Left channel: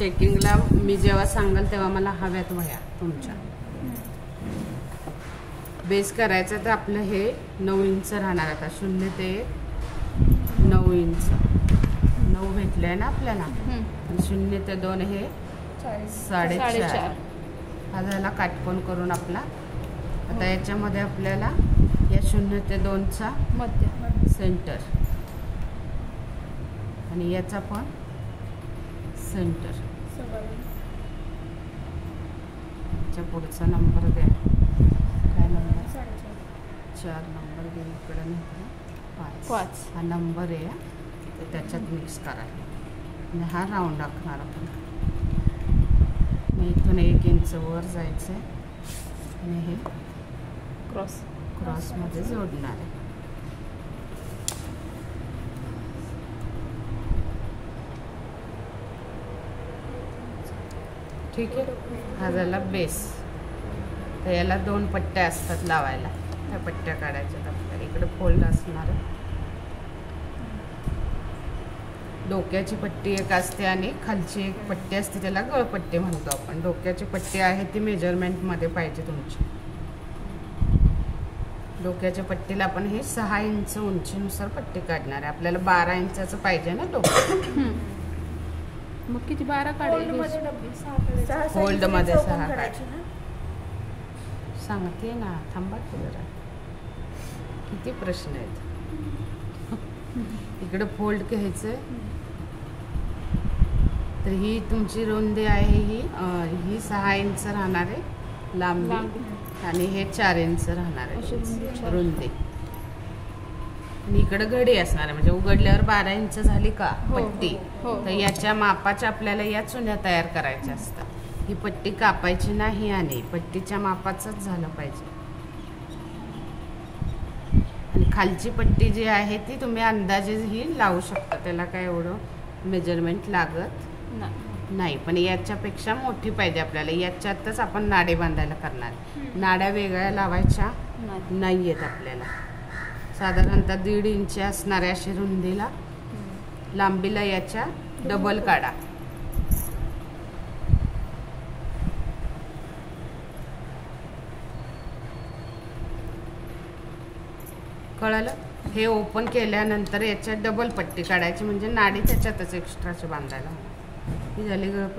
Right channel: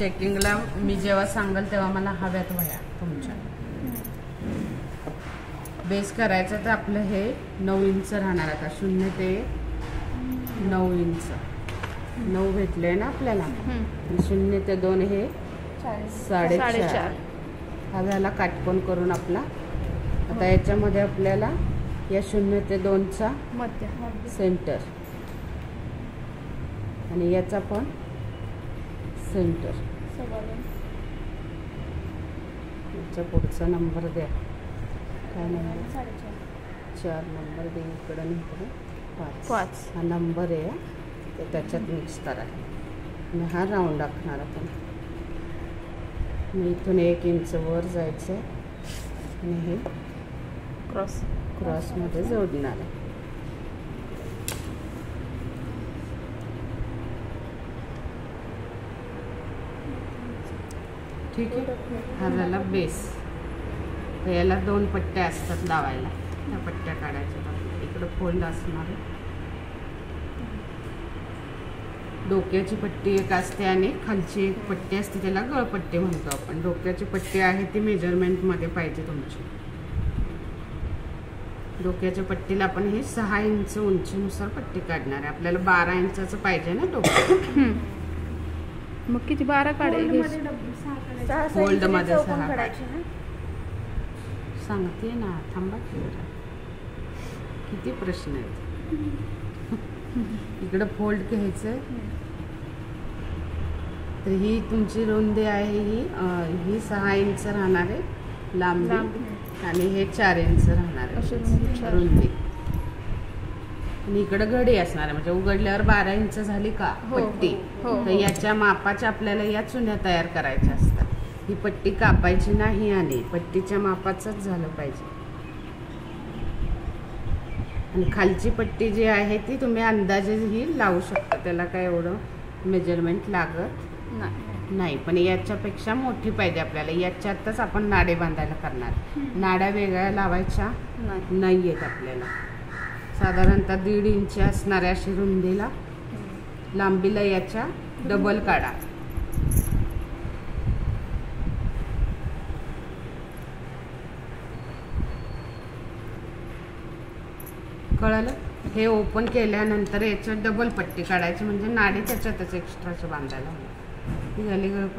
चेकिंगला मी जेव्हा सांगाल तेव्हा मला हव्यात वह्या तुमच्या. बेस करायचं तर आपलं हे 9 इंच राहणार. आता 0 ते 9 इंच 9 भेटलंय ना आपल्याला. 0 ते 2 हे 4.5 हा झाला काटकोन करून आपला. आता याच्यामध्ये आपल्याला या 0 ते 2चा मध्य सेंटर आणि याचा पण सेंटर. याचा पुढचा नंबर द्या. काय नंबर? 4 नंबर दे इकडे नाही 5 हा नंबर आहे. तर त्याच्यात मिक्स करा आणि हा राऊंड आखणार आपण. इथून 1 इंच वर जायचं आणि हे क्रॉसमध्ये जोडणार आहे. ठीक आहे. हा झाला बेस. तर याला 2 पट्ट्या असतात लावायला. त्या पट्ट्या काढायच्या. इकडे फोल्ड असणार आहे. डोक्याची पट्टी एक असते आणि खालची एक पट्टी असते, त्याला गळपट्टी म्हणतो आपण. डोक्याची पट्टी आहे ती मेजरमेंटमध्ये पाहिजे तुमची. डोक्याच्या पट्टीला आपण हे 6 इंच उंचीनुसार पट्टी काढणार आहे. आपल्याला 12 इंचाचं पाहिजे ना डोकं. मग किती 12 काढायचे? फोल्ड मध्ये 6 काढायचे. सांगते ना, थांबा किती प्रश्न आहेत. इकडं फोल्ड घ्यायचं. तर ही तुमची रुंदी आहे, ही 6 इंच राहणार आहे लांबी आणि हे 4 इंच राहणार आहे रुंदी. आणि इकडं घडी असणार आहे. म्हणजे उघडल्यावर 12 इंच झाली का पट्टी. तर याच्या मापाच्या आपल्याला या चुन्या तयार करायच्या असतात. ही पट्टी कापायची नाही आणि पट्टीच्या मापाचंच झालं पाहिजे. आणि खालची पट्टी जी आहे ती तुम्ही अंदाजे ही लावू शकता. त्याला काय एवढं मेजरमेंट लागत नाही. पण याच्यापेक्षा मोठी पाहिजे आपल्याला. याच्यातच आपण नाडे बांधायला करणार. नाड्या वेगळ्या लावायच्या नाहीयेत आपल्याला. साधारणतः 1.5 इंच असणाऱ्या अशी रुंदीला, लांबीला याच्या डबल काढा. कळलं? हे ओपन केल्यानंतर याच्यात डबल पट्टी काढायची म्हणजे नाडी त्याच्यातच एक्स्ट्राची बांधायला. ही झाली गळपट्टी.